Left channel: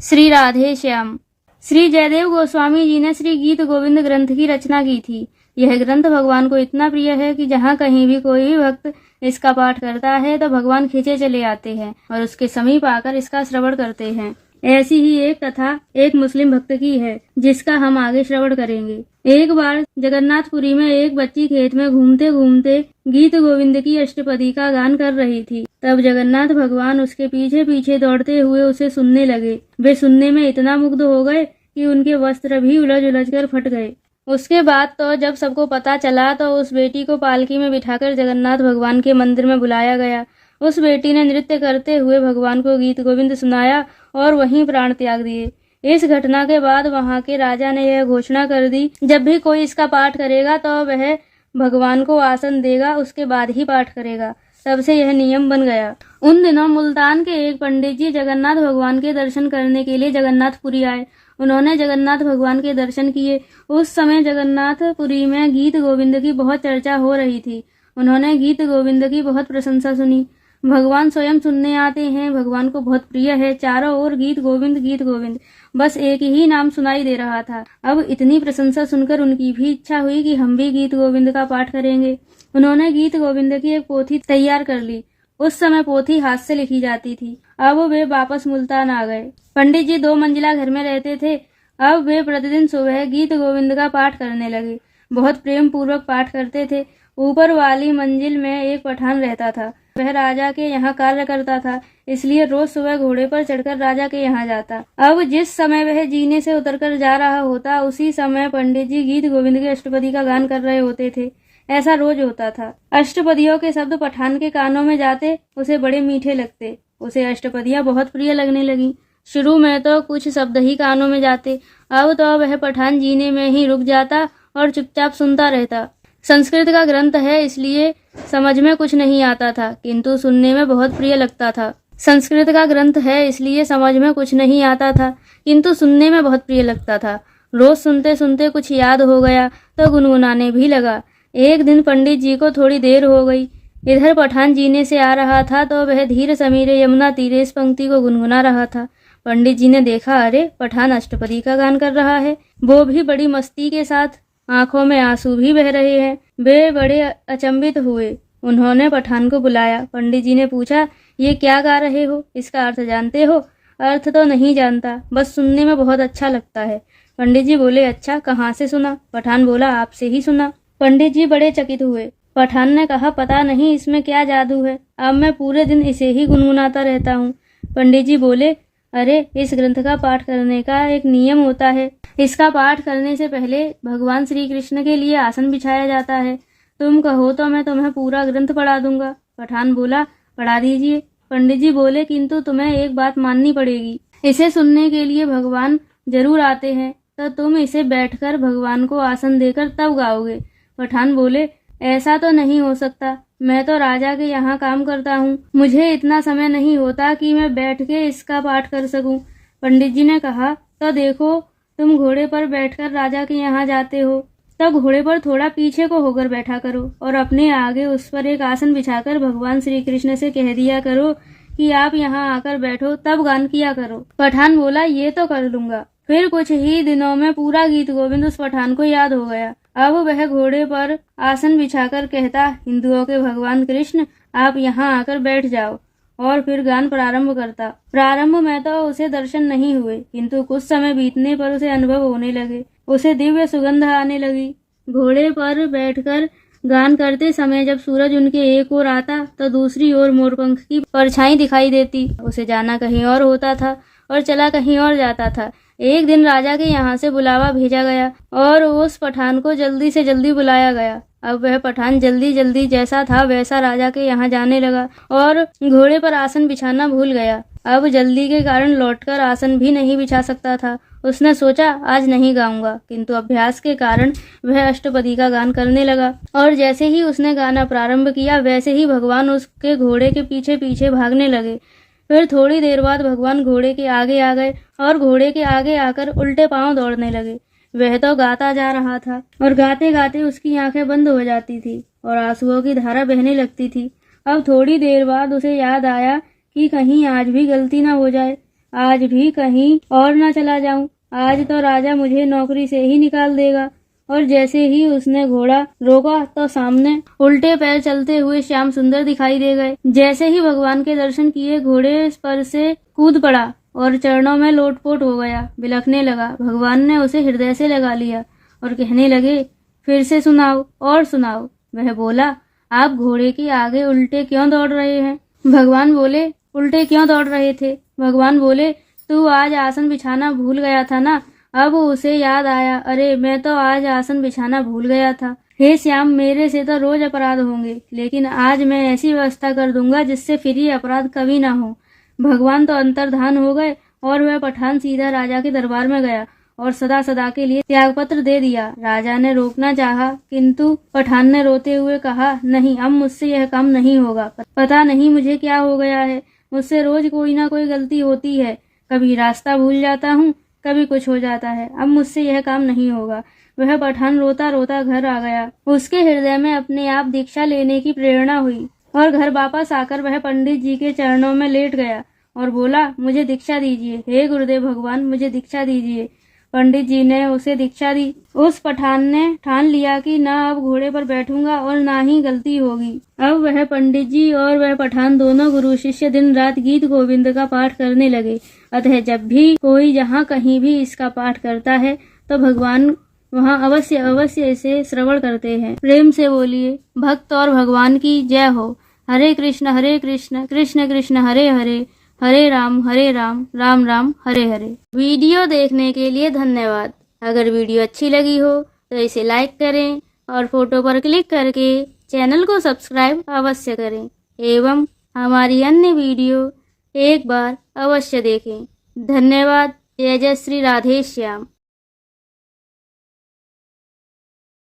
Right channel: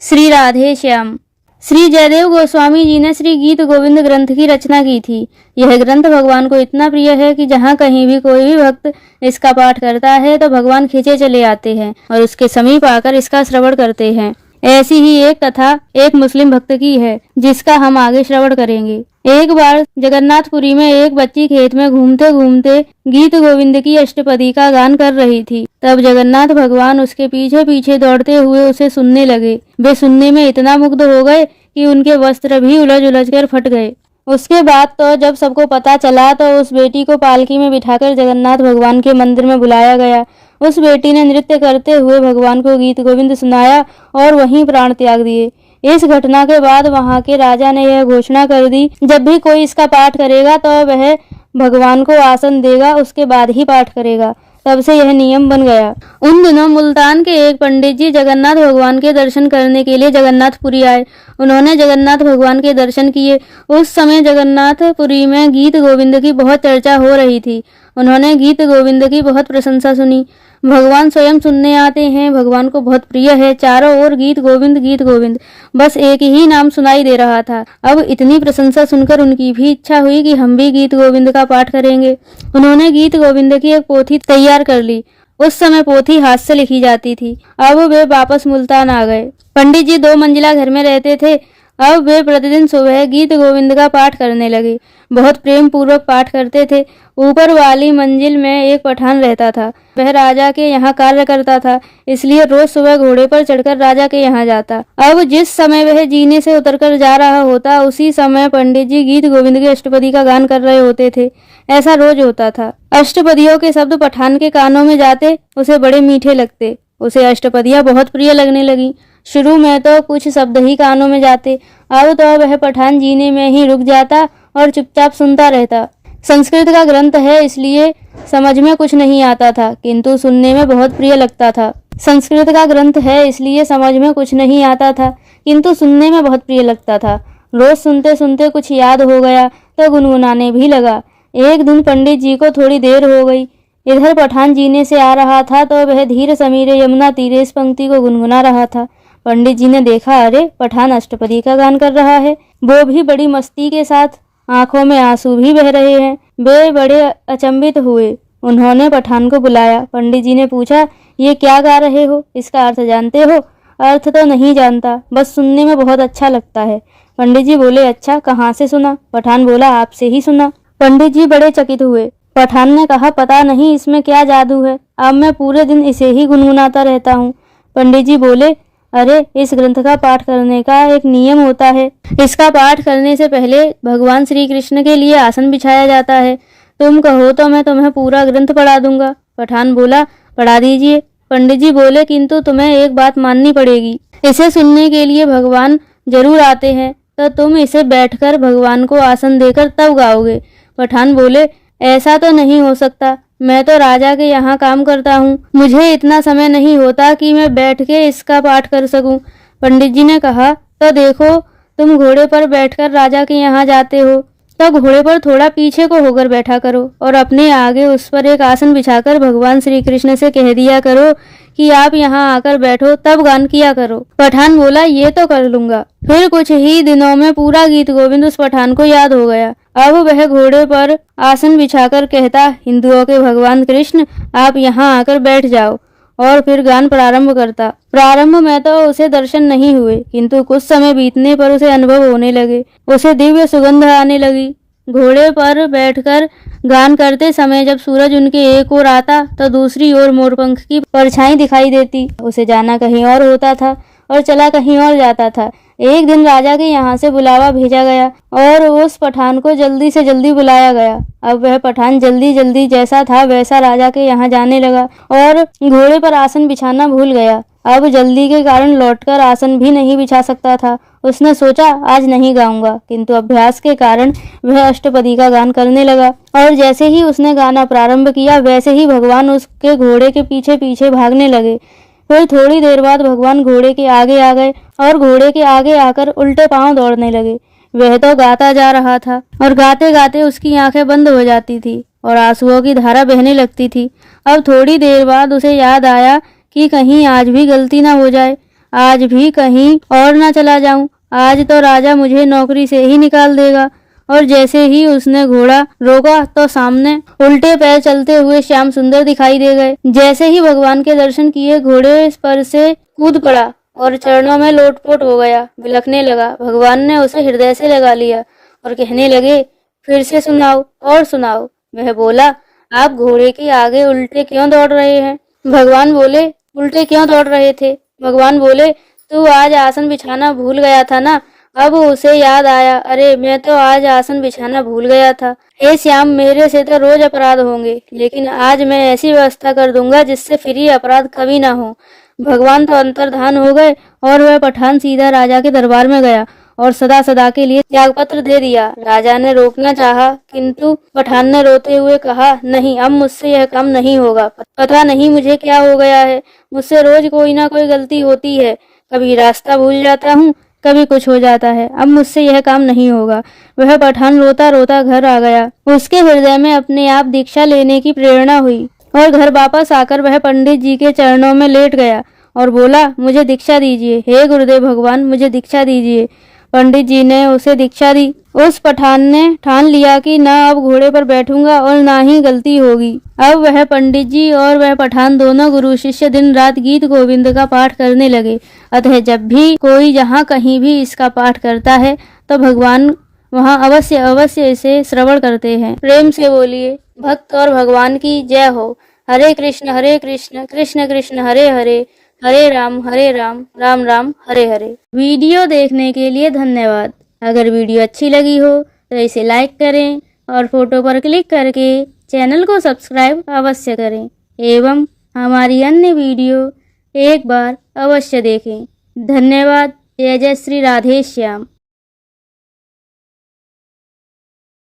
श्री राधे श्याम। श्री जयदेव गोस्वामी जी ने श्री गीत गोविंद ग्रंथ की रचना की थी। यह ग्रंथ भगवान को इतना प्रिय है कि जहाँ कहीं भी कोई भी भक्त इसका पाठ करता है तो भगवान खींचे चले आते हैं और उसके समीप आकर इसका श्रवण करते हैं। ऐसी ही एक कथा एक मुस्लिम भक्त की है जिसका हम आगे श्रवण करेंगे। एक बार जगन्नाथपुरी में एक बच्ची खेत में घूमते घूमते गीत गोविंद की अष्टपदी का गान कर रही थी। तब जगन्नाथ भगवान उसके पीछे पीछे दौड़ते हुए उसे सुनने लगे। वे सुनने में इतना मुग्ध हो गए कि उनके वस्त्र भी उलझ उलझ कर फट गए। उसके बाद तो जब सबको पता चला तो उस बेटी को पालकी में बिठाकर जगन्नाथ भगवान के मंदिर में बुलाया गया। उस बेटी ने नृत्य करते हुए भगवान को गीत गोविंद सुनाया और वहीं प्राण त्याग दिए। इस घटना के बाद वहां के राजा ने यह घोषणा कर दी, जब भी कोई इसका पाठ करेगा तो वह भगवान को आसन देगा, उसके बाद ही पाठ करेगा। तब से यह नियम बन गया। उन दिनों मुल्तान के एक पंडित जी जगन्नाथ भगवान के दर्शन करने के लिए जगन्नाथपुरी आए। उन्होंने जगन्नाथ भगवान के दर्शन किए। उस समय जगन्नाथपुरी में गीत गोविंद की बहुत चर्चा हो रही थी। उन्होंने गीत गोविंद की बहुत प्रशंसा सुनी। भगवान स्वयं सुनने आते हैं, भगवान को बहुत प्रिय है। चारों ओर गीत गोविंद, बस एक ही नाम सुनाई दे रहा था। अब इतनी प्रशंसा सुनकर उनकी भी इच्छा हुई कि हम भी गीत गोविंद का पाठ करेंगे। उन्होंने गीत गोविंद की एक पोथी तैयार कर ली। उस समय पोथी हाथ से लिखी जाती थी। अब वे वापस मुल्तान आ गए। पंडित जी 2 मंजिला घर में रहते थे। अब वे प्रतिदिन सुबह गीत गोविंद का पाठ करने लगे। बहुत प्रेम पूर्वक पाठ करते थे। ऊपर वाली मंजिल में एक पठान रहता था। वह राजा के यहाँ कार्य करता था, इसलिए रोज सुबह घोड़े पर चढ़कर राजा के यहाँ जाता। अब जिस समय वह जीने से उतरकर जा रहा होता, उसी समय पंडित जी गीत गोविंद की अष्टपदी का गान कर रहे होते थे। ऐसा रोज होता था। अष्टपदियों के शब्द पठान के कानों में जाते उसे बड़े मीठे लगते। उसे अष्टपदियां बहुत प्रिय लगने लगी। शुरू में तो कुछ शब्द ही कानों में जाते। अब तो वह पठान जीने में ही रुक जाता और चुपचाप सुनता रहता। संस्कृत का ग्रंथ है, इसलिए समझ में कुछ नहीं आता था, किंतु सुनने में बहुत प्रिय लगता था। संस्कृत का ग्रंथ है, इसलिए समझ में कुछ नहीं आता था, किंतु सुनने में बहुत प्रिय लगता था। रोज सुनते सुनते कुछ याद हो गया तो गुनगुनाने भी लगा। एक दिन पंडित जी को थोड़ी देर हो गई। इधर पठान जीने से आ रहा था तो वह धीर समीरे यमुना तीरे इस पंक्ति को गुनगुना रहा था। पंडित जी ने देखा, अरे पठान अष्टपदी का गान कर रहा है, वो भी बड़ी मस्ती के साथ। आंखों में आंसू भी बह रहे हैं। वे बड़े अचंभित हुए। उन्होंने पठान को बुलाया। पंडित जी ने पूछा, ये क्या गा रहे हो? इसका अर्थ जानते हो? अर्थ तो नहीं जानता, बस सुनने में बहुत अच्छा लगता है। पंडित जी बोले, अच्छा, कहाँ से सुना? पठान बोला, आपसे ही सुना। पंडित जी बड़े चकित हुए। पठान ने कहा, पता नहीं इसमें क्या जादू है, अब मैं पूरे दिन इसे ही गुनगुनाता रहता हूँ। पंडित जी बोले, अरे इस ग्रंथ का पाठ करने का एक नियम होता है। इसका पाठ करने से पहले भगवान श्री कृष्ण के लिए आसन बिछाया जाता है। तुम कहो तो मैं तुम्हें पूरा ग्रंथ पढ़ा दूंगा। पठान बोला, पढ़ा दीजिए। पंडित जी बोले, किंतु तुम्हें एक बात माननी पड़ेगी। इसे सुनने के लिए भगवान जरूर आते हैं, तो तुम इसे बैठकर भगवान को आसन देकर तब गाओगे। पठान बोले, ऐसा तो नहीं हो सकता, मैं तो राजा के यहाँ काम करता हूँ, मुझे इतना समय नहीं होता कि मैं बैठ के इसका पाठ कर सकूं। पंडित जी ने कहा, तो देखो, तुम घोड़े पर बैठकर राजा के यहाँ जाते हो, तो घोड़े पर थोड़ा पीछे को होकर बैठा करो और अपने आगे उस पर एक आसन बिछाकर भगवान श्री कृष्ण से कह दिया करो कि आप यहाँ आकर बैठो, तब गान किया करो। पठान बोला, ये तो कर लूंगा। फिर कुछ ही दिनों में पूरा गीत गोविंद उस पठान को याद हो गया। अब वह घोड़े पर आसन बिछाकर कहता, हिंदुओं के भगवान कृष्ण, आप यहाँ आकर बैठ जाओ, और फिर गान प्रारंभ करता। प्रारंभ में तो उसे दर्शन नहीं हुए, किंतु कुछ समय बीतने पर उसे अनुभव होने लगे। उसे दिव्य सुगंध आने लगी। घोड़े पर बैठकर गान करते समय जब सूरज उनके एक ओर आता तो दूसरी ओर मोरपंख की परछाई दिखाई देती। उसे जाना कहीं और होता था और चला कहीं और जाता था। एक दिन राजा के यहाँ से बुलावा भेजा गया और उस पठान को जल्दी से जल्दी बुलाया गया। अब वह पठान जल्दी जल्दी जैसा था वैसा राजा के यहाँ जाने लगा और घोड़े पर आसन बिछाना भूल गया। अब जल्दी के कारण लौटकर आसन भी नहीं बिछा सकता था। उसने सोचा, आज नहीं गाऊंगा, किंतु अभ्यास के कारण वह अष्टपदी का गान करने लगा और जैसे ही उसने गाना प्रारंभ किया वैसे ही भगवान उसके घोड़े के पीछे पीछे भागने लगे। फिर थोड़ी देर बाद भगवान घोड़े के आगे आ गए और घोड़े के आगे आकर उल्टे पांव दौड़ने लगे। वह तो गाता जा रहा था और गाते गाते उसकी आंखें बंद हो जाती थी और आंसुओं की धारा बहने लगती थी। अब थोड़ी देर बाद उसे याद आया कि कहीं आज भी गलती ना हो जाए। आज भी कहीं और न चला जाऊं। आज तो राजा मुझे नौकरी से ही निकाल देगा। और जैसे ही उसने घोड़ा रोका तो सामने उल्टे पैर चलते हुए श्याम सुंदर दिखाई दे गए। जैसे ही भगवान के दर्शन किए घोड़े पर से कूद पड़ा और चरणों में लोटपोट हो गया, बिलखने लगा। भगवान ने उसे हृदय से लगा लिया और कहने लगे, फिर से सुनाओ और सुनाओ। वह बोला, आप घोड़े के आगे उल्टे क्यों दौड़ रहे हैं? भगवान बोले, उल्टे क्यों दौड़ रहे थे? भगवान बोले, तू आज आसन बिछाना भूल गया था ना। अब उसे याद आया, अरे मैं तो आज आसन बिछाना भूल गया था। हे श्याम, मेरे से तो रोज अपराध होंगे, लेकिन आज मैं ऐसी व्यवस्था कर दूंगा जिससे फिर ये अपराध कभी ना हो। भगवान तो अंतर्धान हो गए और वह पठान सीधा राजा के दरबार में गया और सदा सदा के लिए त्यागपत्र दे दिया। राजा ने रोकना चाहा, किंतु पठान ने रोते हुए कहा, नहीं, अब मुझसे यह काम नहीं होगा। पता नहीं मुझे क्या हो गया है, मुझसे रोज कोई ना कोई गलती होती है। कभी रास्ता भूल जाता हूँ, कभी कुछ हो जाता है। अब मुझसे यह काम नहीं होगा। वह पठान रोता रोता घर आ गया। उसके हृदय में अपने आप दीक्षा लेने की प्रेरणा हुई और घर वापस आकर वह पंडित जी के चरणों में लेट गया और बोला, मुझे दीक्षा दीजिए, हे गुरुदेव भगवान, मुझे दीक्षा दीजिए। पंडित जी ने उसे दीक्षा दी। उस पठान ने ठान लिया कि न अब घोड़े पर बैठूंगा और ना ही गलती होगी। अब वह पंडित जी और वह पठान दोनों गुरु शिष्य दिन रात गीत गोविंद का पाठ करने लगे। अतः जब भी कोई जहाँ कहीं भी इसका पाठ करता है तो भगवान वहाँ अवश्य अवश्य इसे श्रवण करते हैं। प्रेम से बोलिए, भक्त और भगवान की जय हो। हरे कृष्ण कृष्ण कृष्ण हरे हरे, हरे राम राम राम हरे हरे। वीडियो देखने के लिए धन्यवाद। अगर वीडियो अच्छी लगी हो तो इसे लाइक करें और फोटो पर क्लिक करके चैनल को सब्सक्राइब अवश्य करें एवं हमारी अन्य वीडियो एक बार अवश्य देखें। धन्यवाद। जय जय श्री राधे श्याम।